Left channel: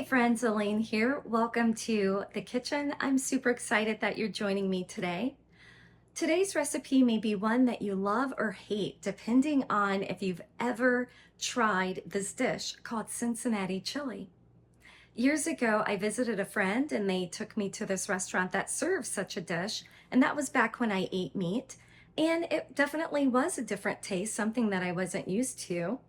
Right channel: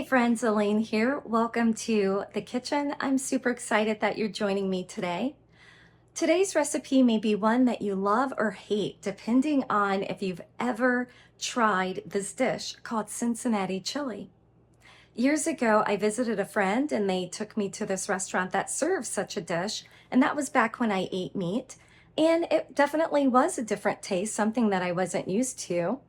Hey friends, Elaine here. Welcome to the kitchen. I'm super excited that you're joining me today. Today's recipe may be one that you love or hate, depending on if you've ever tried this dish called Cincinnati chili. Years ago, I visited a friend and they took me to this restaurant that serves such a dish, and that was back when I ate meat. And it definitely was a different taste, something that I wasn't used to.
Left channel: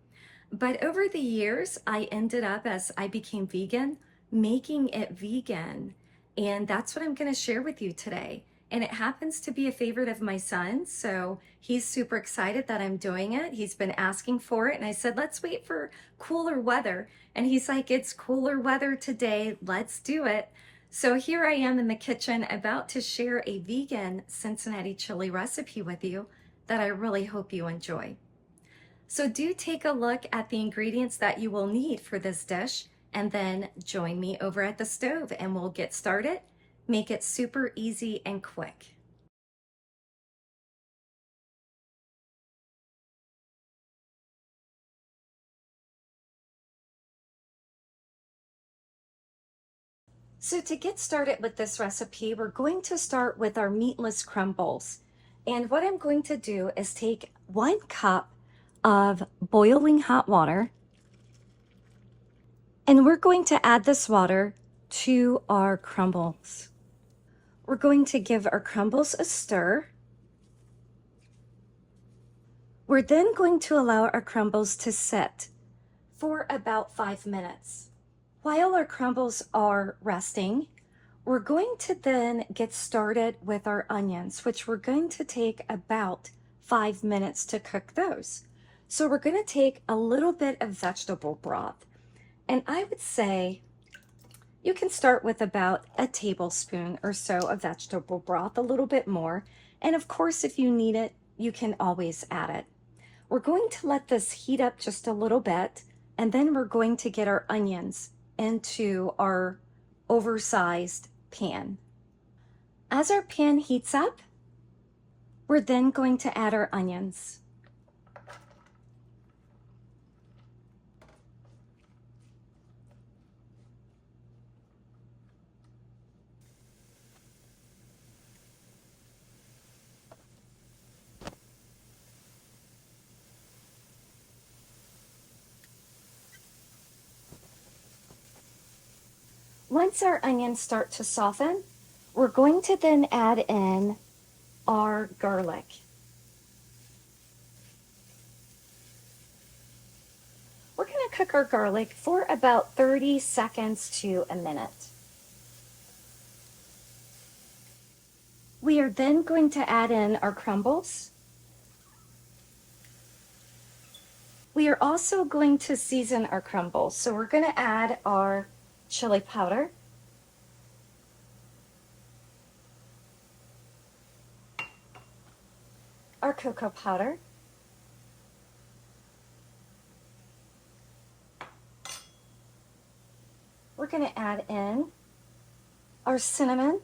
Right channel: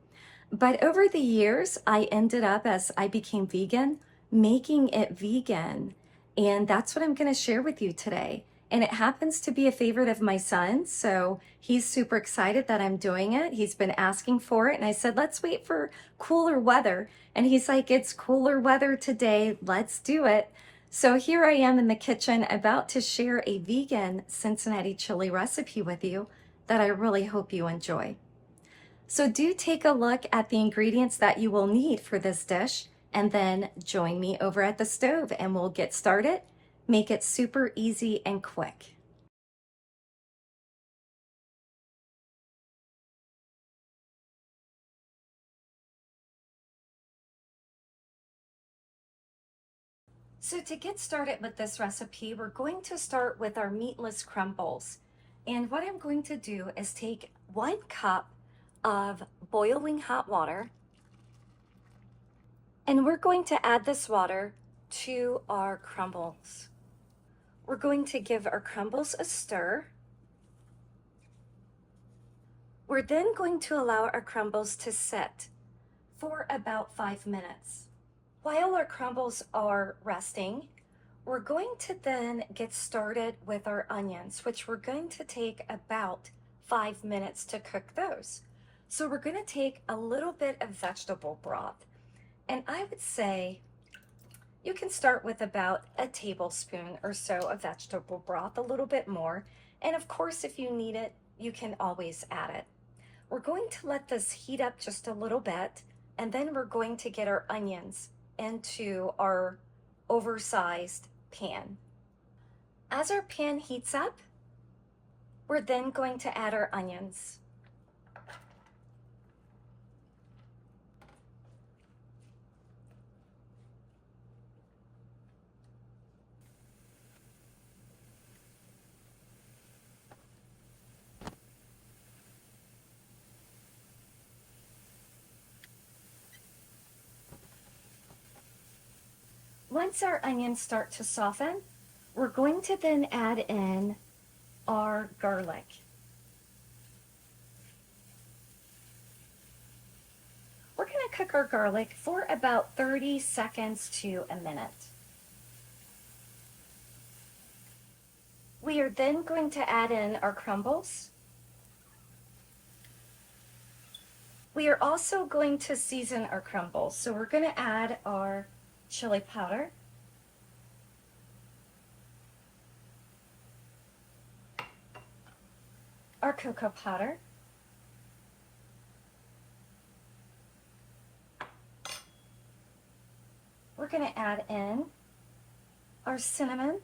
But over the years, I ended up, as I became vegan, making it vegan. And that's what I'm going to share with you today. And it happens to be a favorite of my son. So he's super excited that I'm doing it. He's been asking for it. And I said, let's wait for cooler weather. And he's like, it's cooler weather today. Let's do it. So here I am in the kitchen about to share a vegan Cincinnati chili recipe with you that I really hope you enjoy. So do take a look at the ingredients that you will need for this dish and then join me over at the stove and we'll get started. Make it super easy and quick. So to get started with this recipe, we're going to start with our meatless crumbles. And what I'm going to do is take 1 cup of boiling hot water, and we're going to add this water to our crumbles. We're going to give our crumbles a stir. We're then going to allow our crumbles to sit for about 5 minutes. While our crumbles are resting, we're going to then get started with our onions, which we're going to take about 5 minutes to cook those. So we're going to take a little bit of vegetable broth, and I would say you can start with about a tablespoon or so of vegetable broth, a little bit more, and of course if you need it, you can always add it. We're going to let this heat up just a little bit, and then we're going to get our onions into our oversized pan. As our pan heats up, we're then going to add our onions. Once our onions start to soften, we're going to then add in our garlic. We're going to cook our garlic for about 30 seconds to a minute. We are then going to add in our crumbles. We are also going to season our crumbles. So we're going to add our chili powder, our cocoa powder, we're going to add in our cinnamon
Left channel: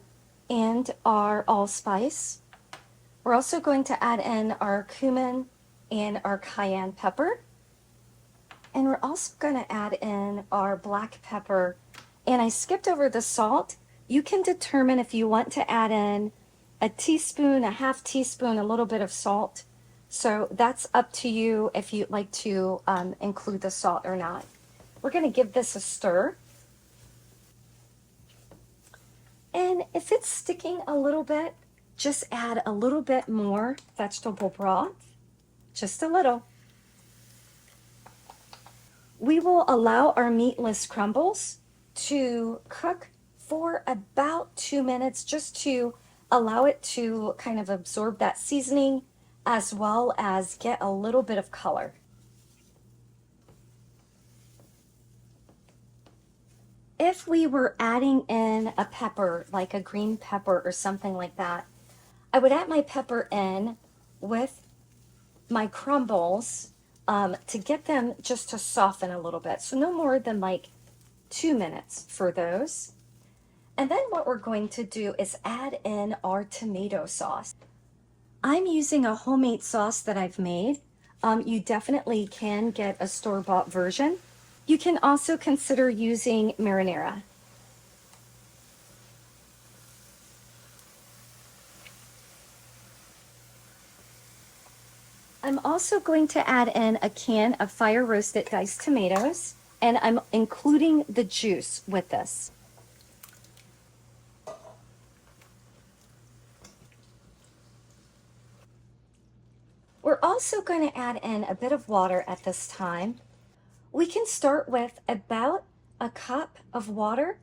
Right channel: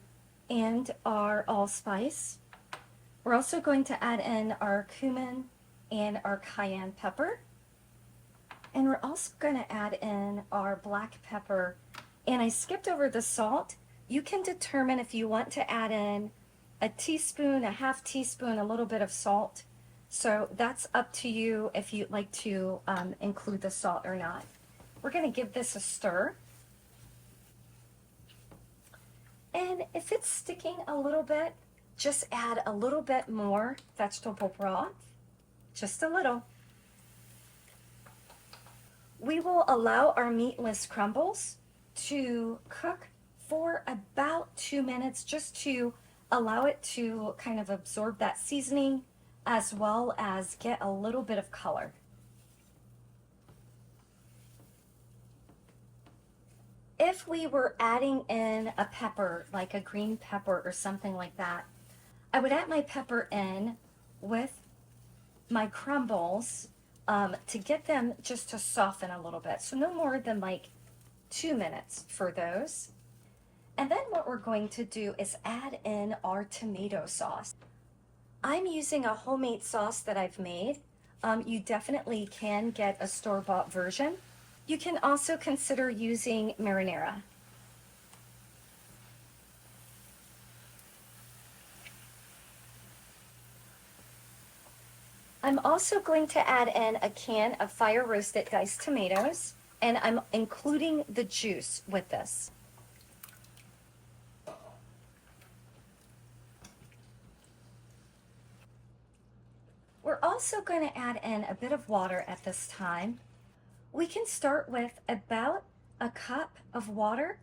and our allspice. We're also going to add in our cumin and our cayenne pepper. And we're also going to add in our black pepper. And I skipped over the salt. You can determine if you want to add in a teaspoon, a half teaspoon, a little bit of salt. So that's up to you if you'd like to include the salt or not. We're going to give this a stir. And if it's sticking a little bit, just add a little bit more vegetable broth, just a little. We will allow our meatless crumbles to cook for about 2 minutes, just to allow it to kind of absorb that seasoning as well as get a little bit of color. If we were adding in a pepper, like a green pepper or something like that, I would add my pepper in with my crumbles to get them just to soften a little bit. So no more than like 2 minutes for those. And then what we're going to do is add in our tomato sauce. I'm using a homemade sauce that I've made. You definitely can get a store-bought version. You can also consider using marinara. I'm also going to add in a can of fire roasted diced tomatoes, and I'm including the juice with this. We're also going to add in a bit of water at this time. We can start with about a cup of water,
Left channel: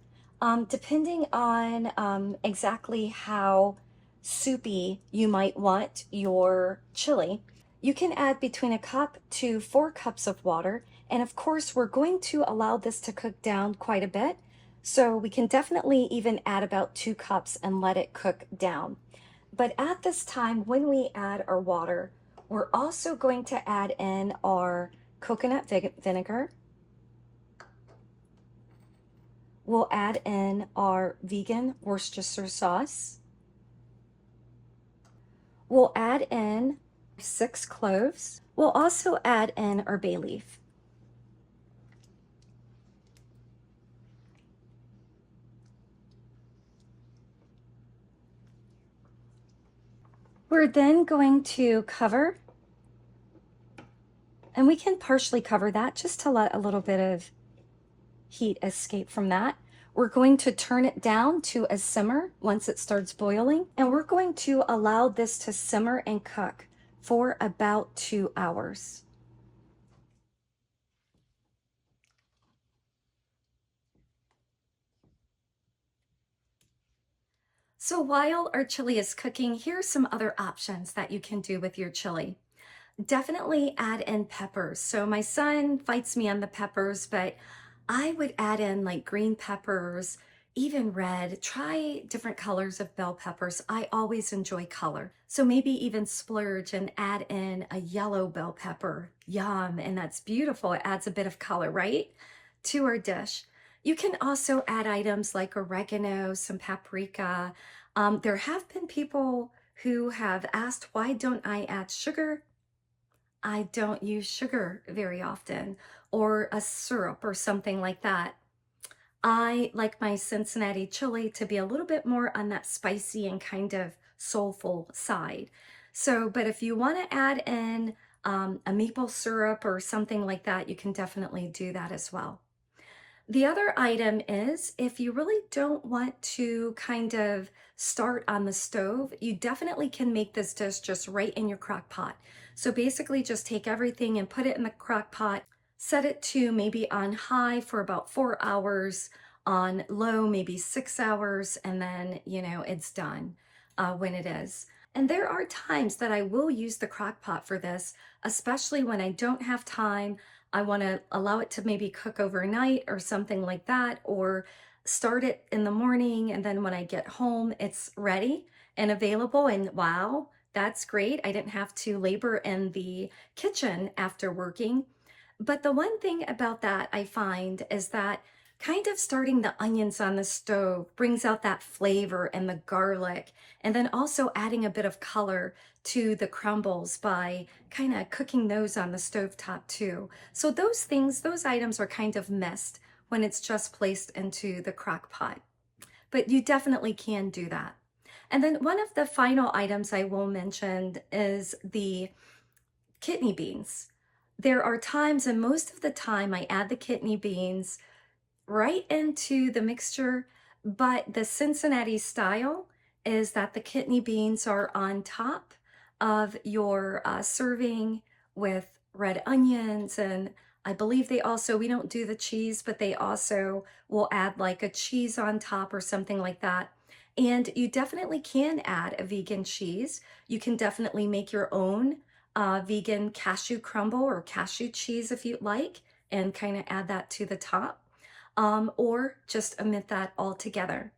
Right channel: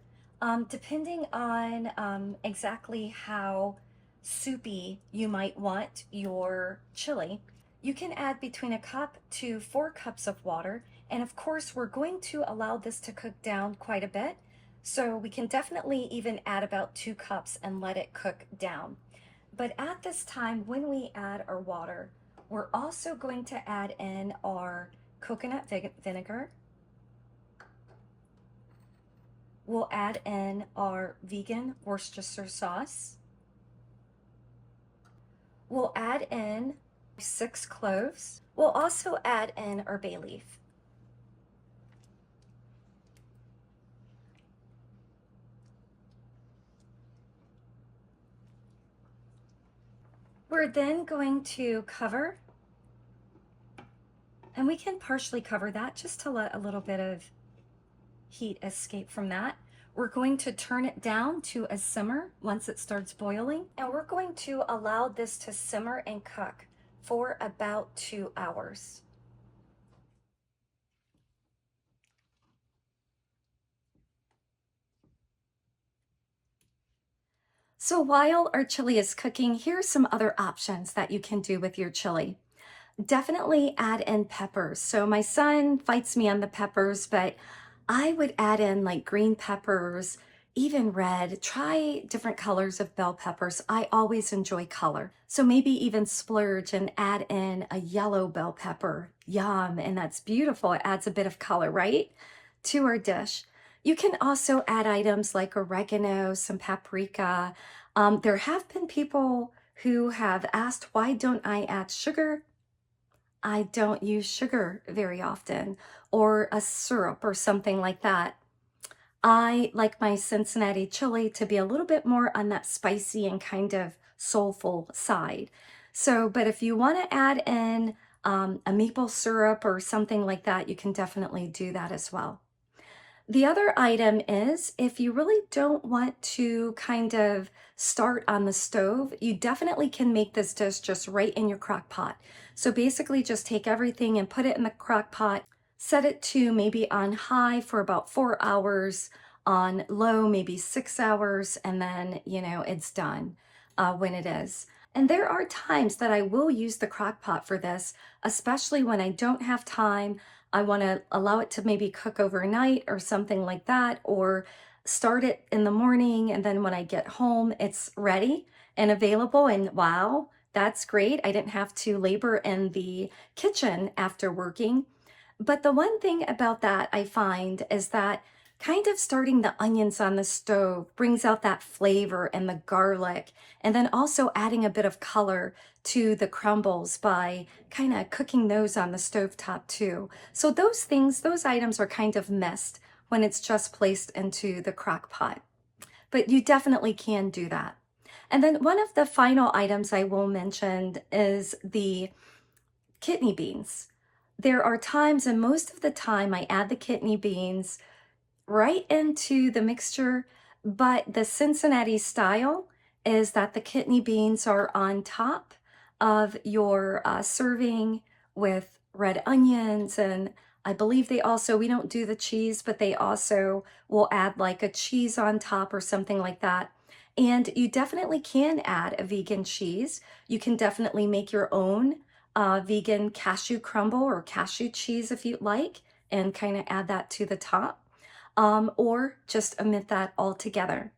depending on exactly how soupy you might want your chili. You can add between a cup to 4 cups of water. And of course, we're going to allow this to cook down quite a bit. So we can definitely even add about 2 cups and let it cook down. But at this time, when we add our water, we're also going to add in our coconut vinegar. We'll add in our vegan Worcestershire sauce. We'll add in 6 cloves. We'll also add in our bay leaf. We're then going to cover, and we can partially cover that just to let a little bit of heat escape from that. We're going to turn it down to a simmer once it starts boiling, and we're going to allow this to simmer and cook for about 2 hours. So while our chili is cooking, here's some other options that you can do with your chili. Definitely add in peppers. So my son fights me on the peppers, but I would add in like green peppers, even red. Try different colors of bell peppers. I always enjoy color. So maybe even splurge and add in a yellow bell pepper. Yum, and that's beautiful. It adds a bit of color, right, to our dish. You can also add items like oregano, some paprika. There have been people who have asked, why don't I add sugar? I don't use sugar very often, or a syrup or something like that. I like my Cincinnati chili to be a little bit more on that spicy and kind of soulful side. So, but if you want to add in a maple syrup or something like that, you can definitely do that as well. The other item is if you really don't want to kind of start on the stove, you definitely can make this dish just right in your crock pot. So basically just take everything and put it in the crock pot, set it to maybe on high for about 4 hours, on low maybe 6 hours, and then, it's done when it is. And there are times that I will use the crock pot for this, especially when I don't have time. I want to allow it to maybe cook overnight or something like that, or start it in the morning, and then when I get home, it's ready and available. And wow, that's great. I didn't have to labor in the kitchen after working. But the one thing about that I find is that kind of starting the onions on the stove brings out that flavor and the garlic, and then also adding a bit of color to the crumbles by kind of cooking those on the stove top too. So those things, those items are kind of missed when it's just placed into the crock pot. But you definitely can do that. And then one of the final items I will mention is the kidney beans. There are times, and most of the time, I add the kidney beans right into the mixture, but the Cincinnati style is that the kidney beans are on top of your serving with red onions, and I believe they also, we don't do the cheese, but they also will add like a cheese on top or something like that. And you definitely can add a vegan cheese. You can definitely make your own vegan cashew crumble or cashew cheese if you'd like, and kind of add that to the top. Or just omit that altogether.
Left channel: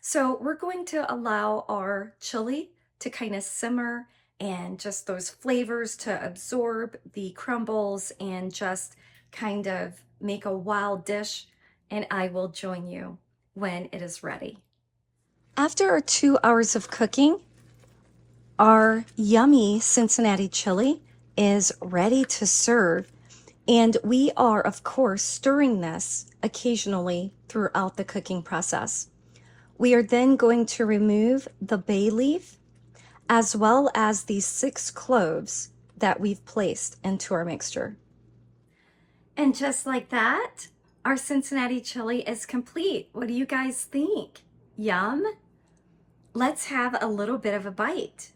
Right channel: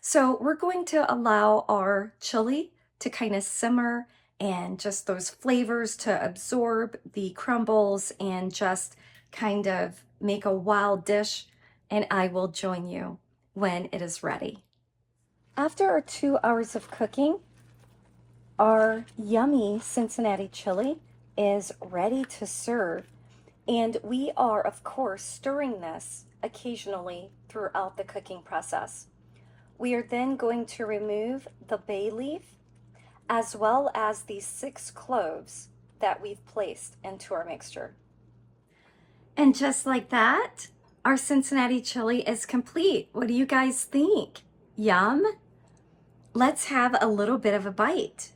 So we're going to allow our chili to kind of simmer and just those flavors to absorb the crumbles and just kind of make a wild dish, and I will join you when it is ready. After our 2 hours of cooking, our yummy Cincinnati chili is ready to serve. And we are, of course, stirring this occasionally throughout the cooking process. We are then going to remove the bay leaf as well as these 6 cloves that we've placed into our mixture. And just like that, our Cincinnati chili is complete. What do you guys think? Yum? Let's have a little bit of a bite.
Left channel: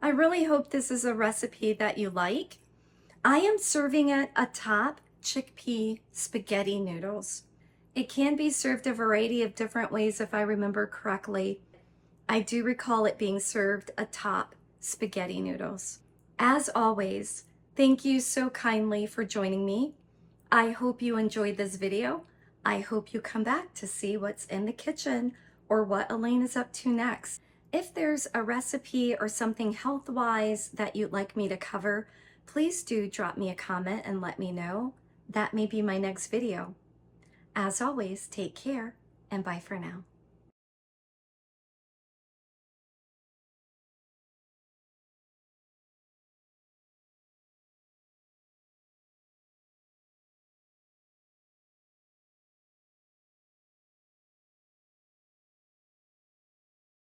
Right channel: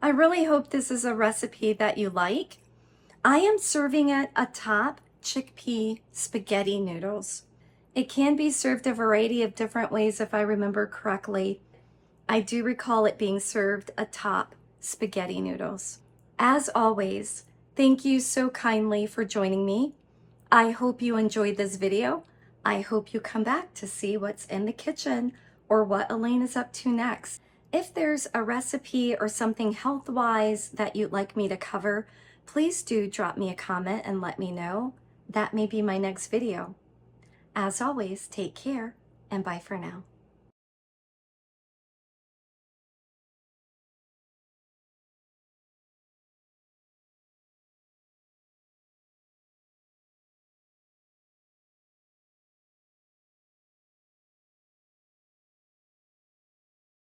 I really hope this is a recipe that you like. I am serving it atop chickpea spaghetti noodles. It can be served a variety of different ways if I remember correctly. I do recall it being served atop spaghetti noodles. As always, thank you so kindly for joining me. I hope you enjoyed this video. I hope you come back to see what's in the kitchen or what Elaine is up to next. If there's a recipe or something health-wise that you'd like me to cover, please do drop me a comment and let me know. That may be my next video. As always, take care and bye for now.